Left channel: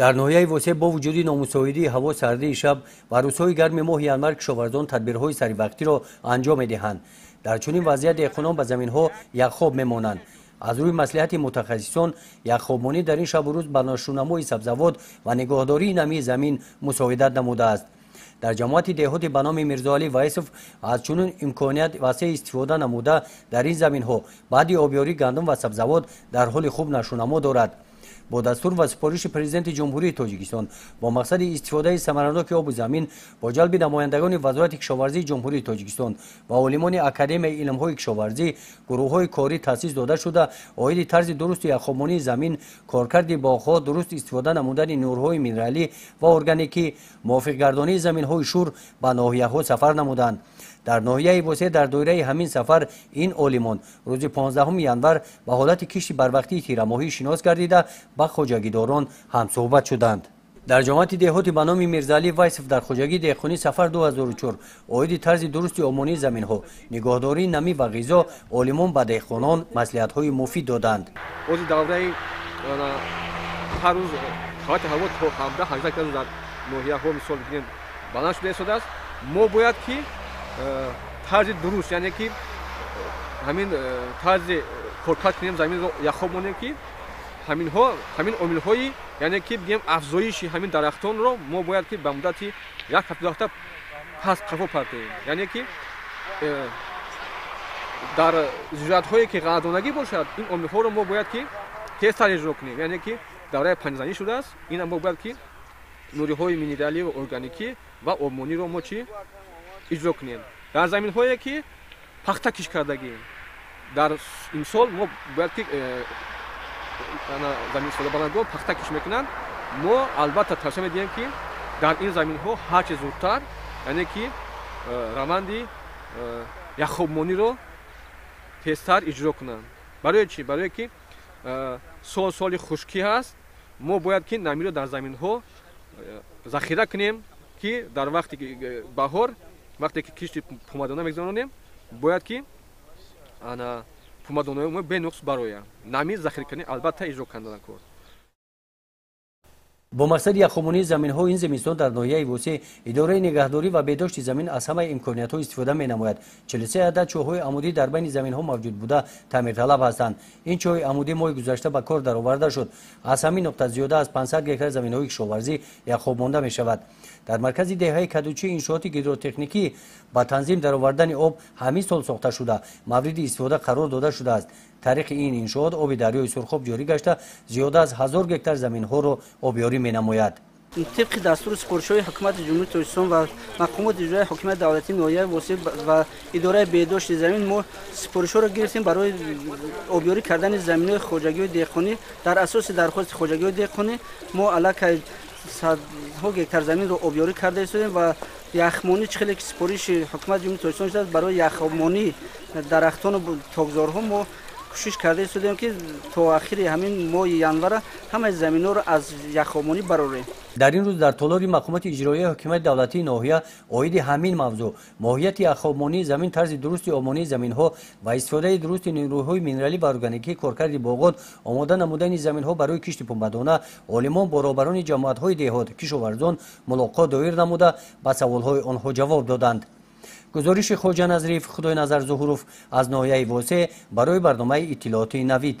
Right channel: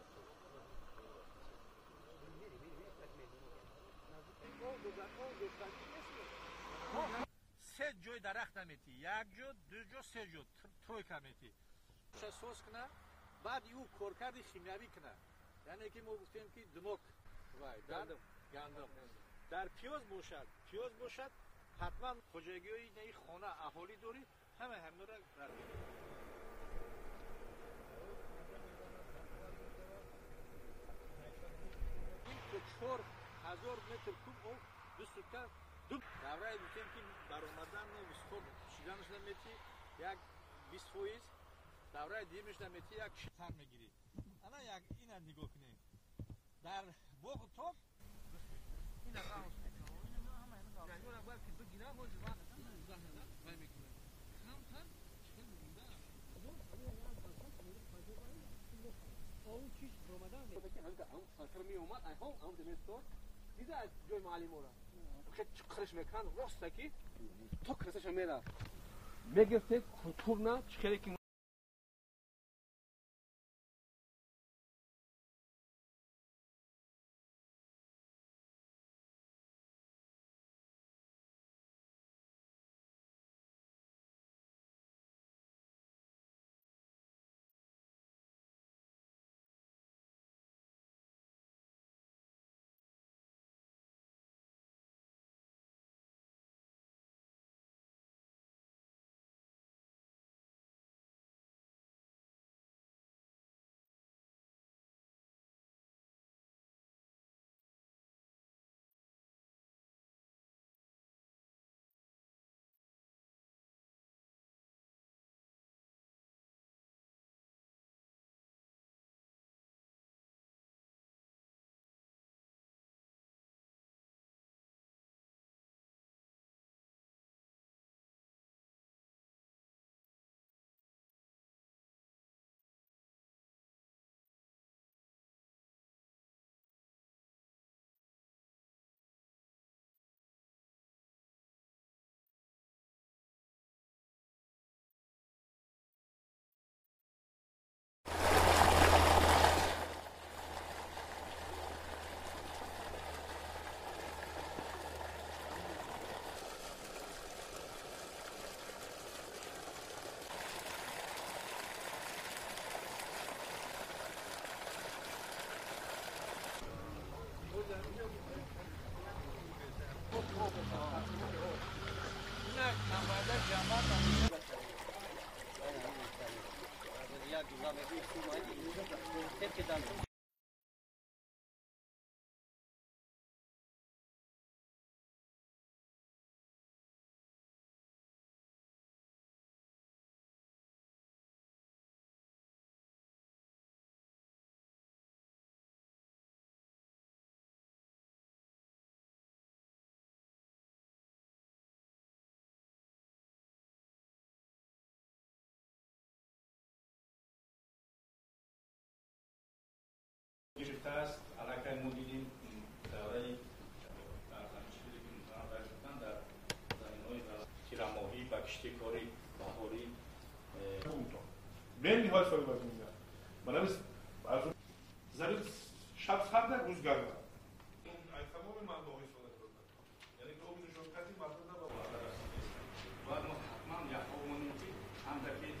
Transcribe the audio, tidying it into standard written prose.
дар ноҳияи восеъ бо вуҷуди номусоидии ҳаво сардии шаб ва рӯзҳои гарми моҳи январ кишоварзон тадбирҳои саривақтиро анҷом медиҳанд. дар чунин вазъият деҳқонон ба заминҳо яххоб мемонанд. аз рӯи маслиҳати мутахассисон яххобмонӣ дар ин шабу рӯз ба ношунамои сабзавот ва нигоҳдории намии замин мусоидат намудааст. дар ҷамоати деҳоти ба номи Мирзоалӣ Вайсов аз чунин имконият васеъ истифода намуда дар ин заминҳо баъди обёрии гандум ва сабзавот дар ҳоли хуб нашунамо дорад. бо дастур ва супориши президенти ҷумҳурии Тоҷикистон бо мақсади истифодаи самараноки оби замин бо ҷалби намояндагони вазорати кишоварзии ҷумҳурии Тоҷикистон ва олимони академияи илмҳои кишоварзӣ гурӯҳҳои корӣ таъсис дода шуда оиди тарзи дурусти яххобмонии замин, коркарди боғҳо, дуруст истифода намудани нурҳои минералӣ ва органикӣ, мувофиқгардонии заминҳои шур ба ноҳияҳо сафар намуданд. дар ноҳияи восеъ дар доираи ҳамин сафар ин олимон рӯзи 15 январ ба ҳолати кишти барвақтии тирамоҳӣ шинос гардида ба хоҷагидорон ҳамсӯҳбат шуданд. дар ҷамоати деҳоти ба номи Мирзаалӣ Вайсов дар хоҷагии деҳқонӣ сафар 2004 оиди тарзи дурусти омонии заминҳо, нигоҳдории намӣ ва ғизо олимон ба деҳқонон маслиҳатҳои муфид доданд. ози давраи ҳар рӯз ҳолати ҳаво то 17-18 градус дар ноҳияҳо мисол бигирем баланд шуда истодааст. мо бояд ки тарзи дуруст, яъне ки ҳамин тарзи коркар кунем заминро яххоб монем ки ҳамин омилҳои яъне ки бигем афзоиши ҳамин дарахтонро мо бояд ки ба муддати як ҳафта пас қафо партоем. яъне ки дар зироятҳое ки ғанадонагӣ бошад ин омилҳоро мо бояд ки тезтар иҷро кунем. яъне ки давраи панҷзанӣ шудааст. ина мо бояд ки нуриҳои минералӣ ва органикӣ ва обмониро мо чӣ иҷро кунем. дар заминҳое ки пахта киш кардагием дар имсол мо бояд ки заминистифодабаландон пахта киш мекунанд. мо албатта тавсия медиҳем ки дар ин заминҳо ҳарчи зудтар яъне ки раванди яххобмониро тезтар иҷро кунанд. барои чӣ? барое ки соли хушкӣ ҳаст. мо бояд ки намиро дар заминҳо захира кунем ки дар вақти баҳор вақте ки кишти пумадона мегузаронем бояд ки пумадонаи мо бенуқс барояд. намӣ захиракунӣ албатта иҷро кардан кор. бо мақсади яххобмонии заминҳо ин зимистон дар ноҳияи восеъ идораи нигаҳдорӣ ва бедошти замин аз ҳамаи имкониятҳо истифода менамояд. 43 адад чоҳҳои амудӣ дар байни заминҳо мавҷуд буда таъмирталаб ҳастанд. ин чоҳи амудӣ моҳи гузашта ба кор дароварда шуд. аз ҳамин нуқта зиёда аз 500 гектар заминҳои кишоварзӣ яххоб монда мешавад. дар маркази деҳаи кадучи иншооти гидротехникӣ ба танзим даровардани об ҳамин сол сохта шуда мавриди истифода қарор дода шудааст. тариқи ин иншоот оби дарёи Сурхоб ҷорӣ гашта зиёда аз 1000 гектар заминҳоро обёрӣ менамояд. طبق دستور سپارش‌های حکومت جمهوری تاجیکستان و مقامات اجرایی حکومت دولتی ناحیه واسع و اداره بهداشت زمین ما سپارش‌ها را گرفتیم برای آبیاری کردن زمین‌های خواجگی و دهقانی. در اساس درخواست خواجگی و دهقانی ما علاقه صدها گکتار زمین رو آبیاری کرده ایم و یخمانی چخیلی که سپارش حکومت جمهوری تاجیکستان شده برای یخمانی درختان و تاکزارها ما کوشش کرده ایم که تا آخر همین ماه ینور همه زمین‌ها رو از یخمانی برآوریم. дар ин рӯз дар толори мақомоти иҷроияи ҳокимияти давлатии ноҳия оиди ҳамин мавзӯъ моҳияти яххобмонии замин, тарзи дурусти омонии заминҳо ва истифодаи дурусти нирӯҳои минералӣ ва органикӣ, коркарди боғот, омода намудани заминҳо барои кишти пумбадона, олимон бо роҳбарони ҷамоатҳои деҳот, кишоварзон мулоқот доир намуда ба саволҳои онҳо ҷавоб доданд. гузориши Хоҷа Назриев, Худойназар Зуҳуров аз ноҳияи восеъ барои барномаи иттилооти Навид.